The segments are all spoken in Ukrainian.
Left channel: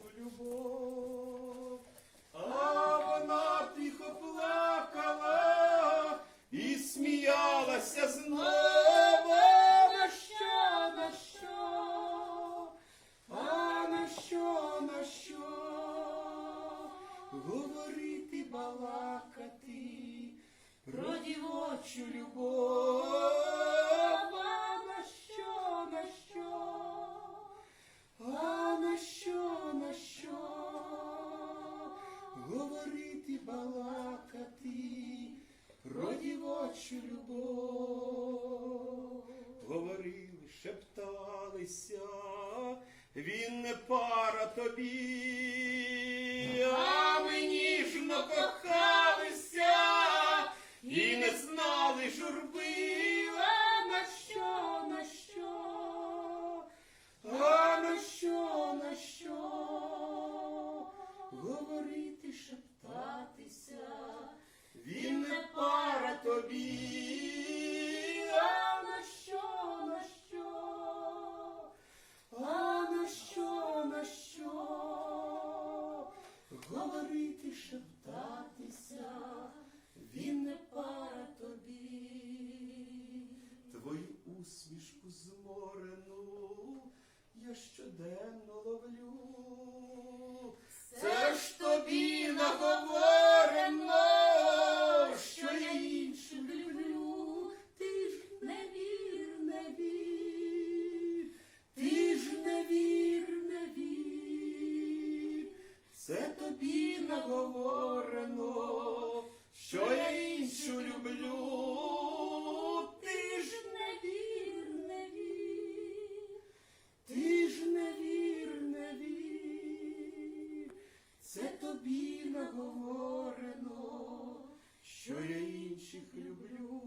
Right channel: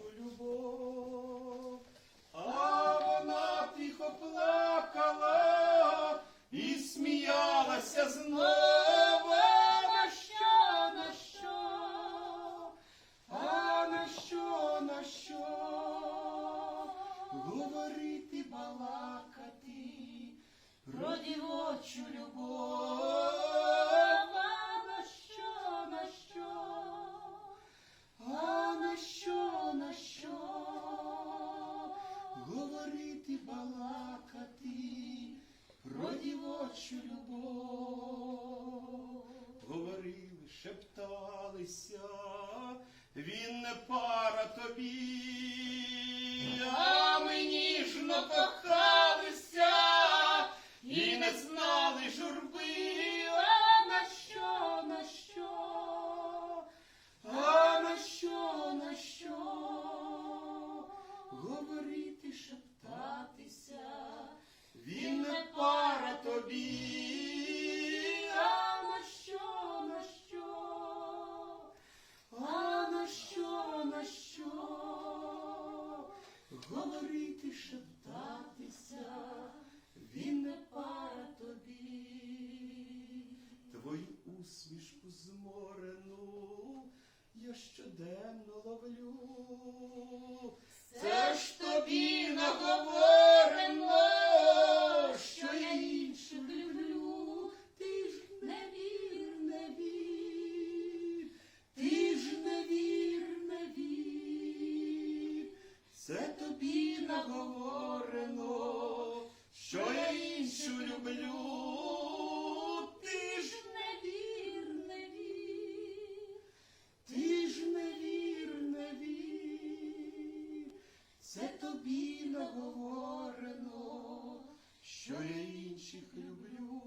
нашу любов. А вона тихо плакала і сміялася знову. На на що? А на що, на що? Говорити, балакати про дівочу любов. Дівочу любов. Говорили, шепталися, він не пара тобі, а ми ніжно кохалися і не знали журби. А на що, на що? А на що, на що? Говорити, шептатися, Говорити, шептатися, він не пара тобі. Твою усмішку зморену я щоденно ловлю. Наговорено, що я іншу люблю. Ти ж не вір, ти ж не вір. Це тобі наговорено, що я інших люблю.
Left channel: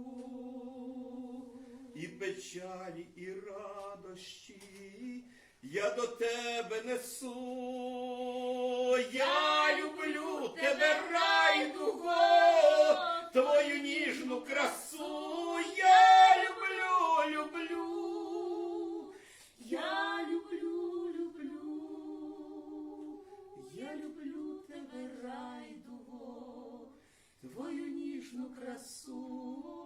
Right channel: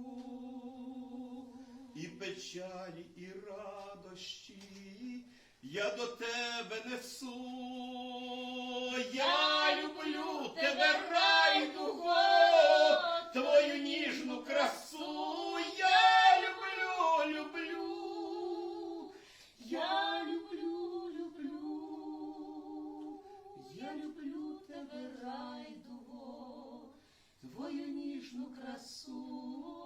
І печалі, і радощі я до тебе несу. Я люблю тебе, рай, дуго, твою ніжну красу я люблю, люблю, я люблю, люблю, я люблю тебе, Рай, дуго, твою ніжну красу.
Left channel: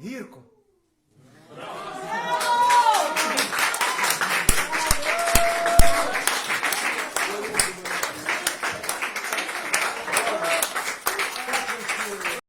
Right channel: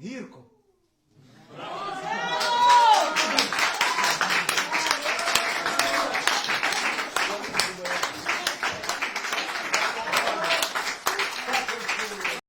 நீ இருக்கும்.